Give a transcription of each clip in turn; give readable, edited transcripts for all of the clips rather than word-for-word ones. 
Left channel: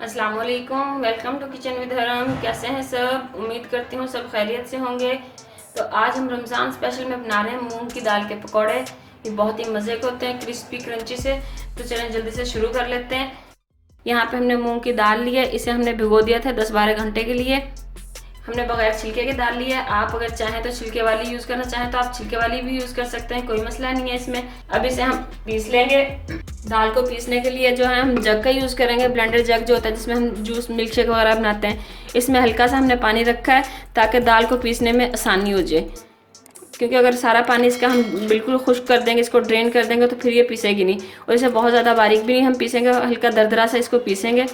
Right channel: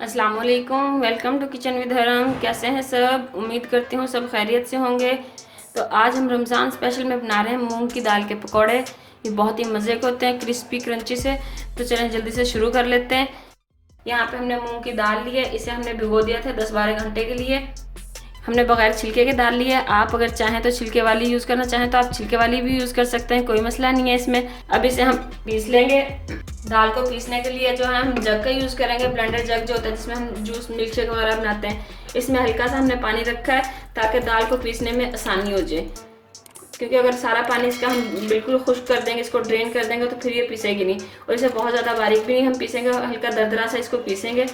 अस्सलाम वालेकुम, welcome to kitchen with हरम। कैसे हैं सब? उम्मीद करती हूँ सब खैरियत से होंगे। तो आज हम रमज़ान स्पेशल में बना रहे हैं मूंग की दाल के पकौड़े। ये बहुत ही मज़े के होते हैं, क्रिस्पी क्रंची से। तो चलें जल्दी से शुरू कर लेते हैं। यहाँ पे हमने मूंग की दाल ली है, इसे हमने भिगो दिया था 10-12 घंटे के लिए। हमने बगैर छिलके के दाल ली है। आप अगर चाहें तो छिलके वाली यूज़ करना चाहें तो आप छिलके वाली भी यूज़ कर सकते हैं, कोई मसला नहीं है इसमें। अब इसे हम पीस लेंगे। दाल को पीसने के लिए जो है हम जग का यूज़ करेंगे, ब्लेंडर जग जो होता है जिसमें हम जूस मिल्क शेक वगैरह बनाते हैं। इसमें हल्का सा हमने पानी रखा है ताकि दाल को पीसने में आसानी हो जाए, क्योंकि अगर सारा पानी इसका हम बिल्कुल खुश्क कर देंगे, इसको ड्रेन कर देंगे तो फिर ये पीसेगी नहीं। और इसे बहुत ज़्यादा बारीक भी नहीं हम पीसेंगे, हल्का दरदरा सा इसको पीसेंगे।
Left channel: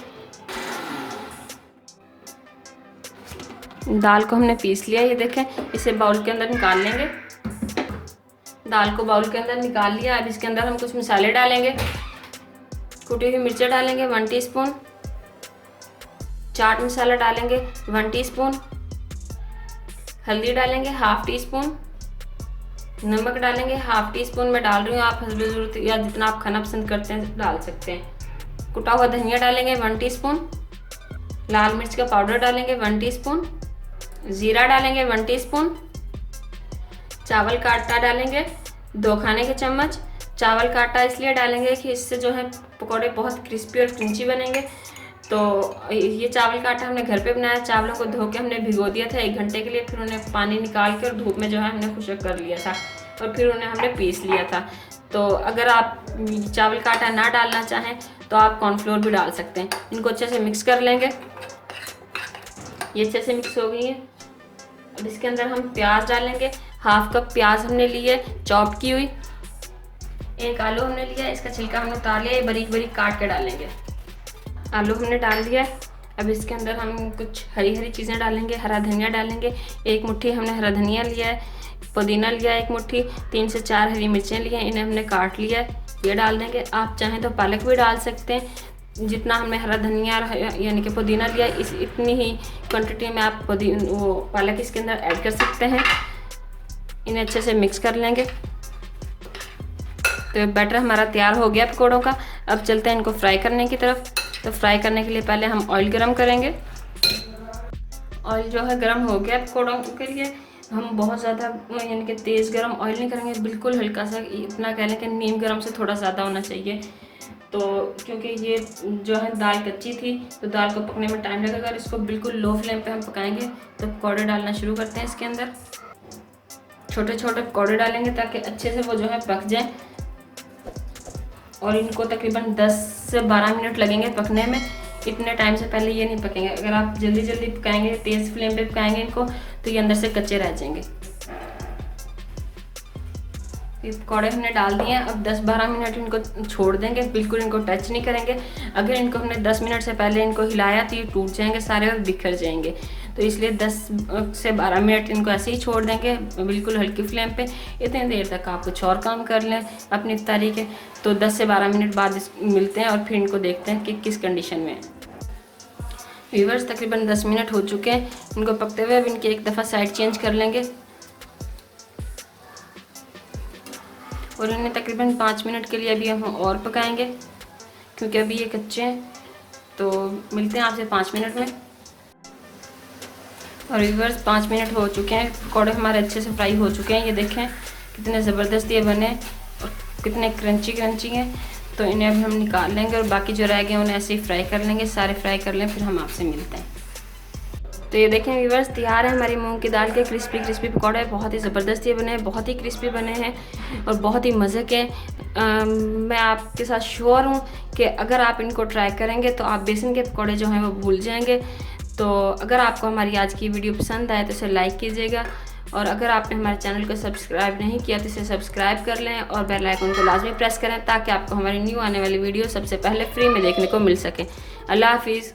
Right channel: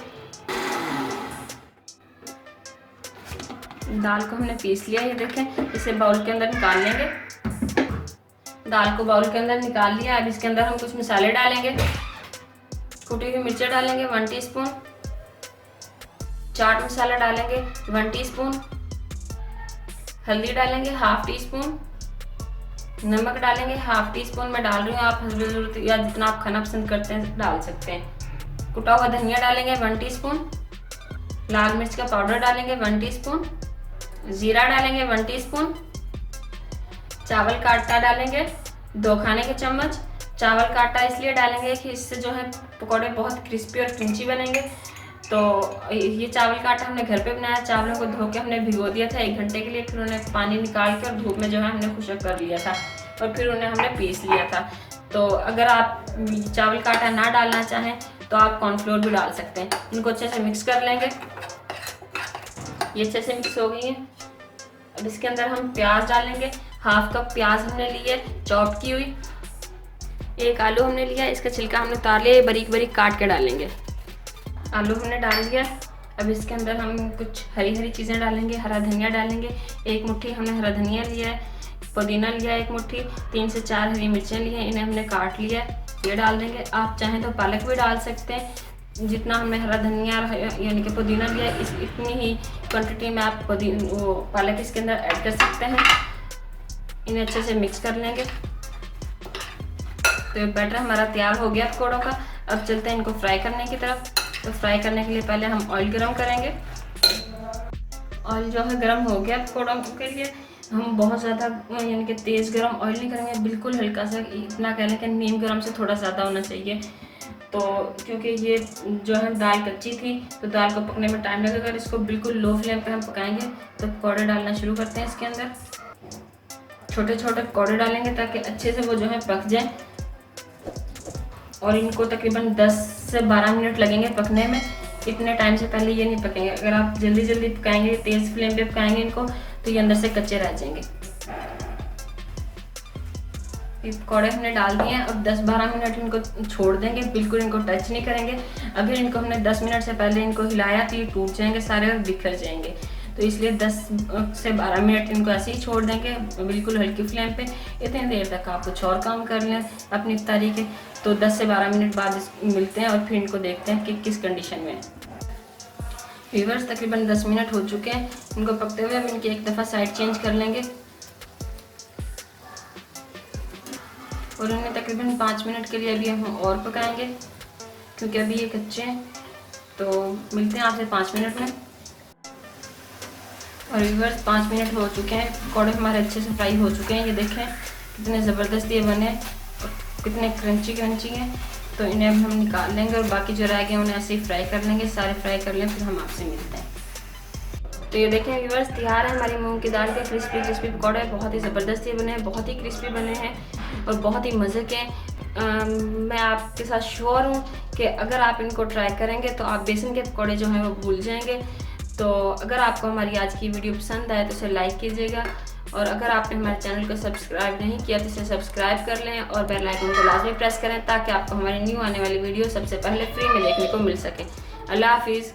दाल को हमने पीस लिया, ये देखें। इसे बाउल के अंदर निकाल लेंगे। दाल को बाउल के अंदर निकाल लिया। अब इसके अंदर हम कुछ मसाले डालेंगे। कुटी हुई मिर्चें डालेंगे 1 टीस्पून, चाट मसाला डालेंगे 1 टीस्पून, हल्दी डालेंगे 1/2 टीस्पून, नमक डालेंगे 1/2 टीस्पून मैं डाल रही हूँ। आप हस्ब ज़रूरत या जितना आप खाना पसंद करते हैं डाल सकते हैं। कुटा हुआ धनिया डालेंगे 1 टीस्पून, लाल मिर्च का पाउडर डालेंगे 1 टीस्पून, जीरा डालेंगे 1 टीस्पून, चावल का आटा डालेंगे 2 खाने के चम्मच। चावल का आटा इसलिए डालेंगे कि इससे जो है पकौड़े बहुत क्रिस्पी और क्रंची बनेंगे। तो ये चावल का आटा हमने घर पे बनाया। चावलों को धो के हमने भिगो दिया था 1 घंटे के लिए, फिर उन्हें पानी निकाल के और धूप में जो है हमने खुशक कर लिया था और फिर उन्हें हमने पीस लिया था। तो अगर आप चावल का आटा ना डालना चाहें तो आप कॉर्नफ्लोर भी डाल सकते हैं। इनको अच्छे से मिक्स कर लेंगे। ये अच्छे से मिक्स हो गई है। अब इसके अंदर हम प्याज डालेंगे। 1/2 कप प्याज हमने ली है चॉप की हुई। 1 आलू हमने लिया, इसका छिलका हमने उतार लिया, बारीक बारीक काट के डालेंगे। आलू हमने डाल दिया। अब इसके अंदर हम कुछ हरी हरी चीज़ें डालेंगे। हरा धनिया डालेंगे 1 मुट्ठी हमने हरा धनिया लिया है, पुदीना लिया 1 मुट्ठी, 3 से 4 हरी मिर्चें ली हैं, इन्हें हमने काट लिया है, ये डाल देंगे। आप चाहें तो पालक भी डाल सकते हैं। जितना हमने हरा धनिया यानी कि पुदीना लिया इतनी ही क्वांटिटी में आप वो पालक इसके अंदर ऐड कर सकते हैं। इन्हें अच्छे से मिक्स कर लेंगे। तो बैटर हमारा तैयार हो गया पकौड़ों का। अब चलते हैं इनको फ्राई करने की तरफ। तो फ्राई करने के लिए पहले हम ऑयल गरम करेंगे। ऑयल जो है गरम हो गया पकौड़ों के लिए। हम बहुत ज़्यादा यानी कि तेज़ गरम ऑयल नहीं करेंगे, बिल्कुल हल्का सा, इतना कह लें कि नीम गरम से थोड़ा ज़्यादा होना चाहिए। तो क्योंकि ये जो है दाल कच्ची थी तो दाल को पकने में टाइम लगेगा। अगर इसको बिल्कुल लो फ्लेम पे हम पकाएंगे तो पकौड़े डालना शुरू करते हैं। इसके अंदर छोटे छोटे पकौड़े डालेंगे ताकि अच्छे से वो जो है पक जाएं। और इनको तकरीबन 10 से 12 मिनट लगेंगे पकने में। इतने टाइम से पहले ये नहीं पकेंगे। अगर आप जल्दी जल्दी पकाएंगे, तेज़ फ्लेम पे पकाएंगे इनको, तो ये अंदर से कच्चे रह जाएंगे। ये पकौड़े हमने डाल दिए हैं। अब 10-12 मिनट इनको छोड़ देंगे, बिल्कुल इनको टच नहीं करेंगे। अगर इनको हमने 10 मिनट से पहले इनको हिलाया तो ये टूट जाएंगे सारे और बिखर जाएंगे। तो इसलिए 10 से 12 मिनट इनको ऐसे ही छोड़ देंगे, बिल्कुल हल्की फ्लेम पे। इतनी देर तक आप कुछ और काम कर लें अपनी तरीके। तो 10 से 12 मिनट बाद मिलते हैं और फिर इनको देखते हैं कि किस कंडीशन में है। व्यूअर्स तकरीबन 10 मिनट हो चुके हैं इनको पकते हुए। अब इनकी एक दफ़ा साइड चेंज कर लेंगे और इन्हें तकरीबन 5 मिनट के लिए अभी हम और पकाएंगे, क्योंकि अभी ये कच्चे हैं। तो मिलते हैं आपसे 5 मिनट में। और व्यूअर्स 5 मिनट हो चुके हैं, पकौड़े हमारे अच्छे से फ्राई हो चुके हैं। ये देखें कितने ज़बरदस्त ये बने और कितने क्रंची क्रंची हैं। तो इन्हें अब हम निकाल लेंगे और बाकी जो रह गए उन्हें ऐसे ही फ्राई कर लेंगे। सारे फ्राई कर लें, फिर हम आपसे मिलते हैं। तो ये देखें व्यूअर्स तैयार है हमारी मूंग की दाल के क्रिस्पी क्रिस्पी पकौड़े। बहुत ही ज़बरदस्त ये बने हैं, बहुत ही क्रिस्पी बने हैं और बहुत ही मज़े के। मैं आपके साथ श्योर हूँ कि अगर आप इनको ट्राई करेंगे तो आप बेसन के पकौड़े जो हैं वो भूल जाएंगे। तो अगर आपको हमारी आज की वीडियो पसंद आए तो इसे लाइक कीजिएगा, और अगर आपने हमारे चैनल को सब्सक्राइब नहीं किया तो इसे सब्सक्राइब कर लें और बेल आइकन को लाजमी प्रेस करें ताकि आपको हमारी न्यू आने वाली वीडियो सबसे पहले फ्री में देखने को मिल सके। अल्लाह हाफिज़।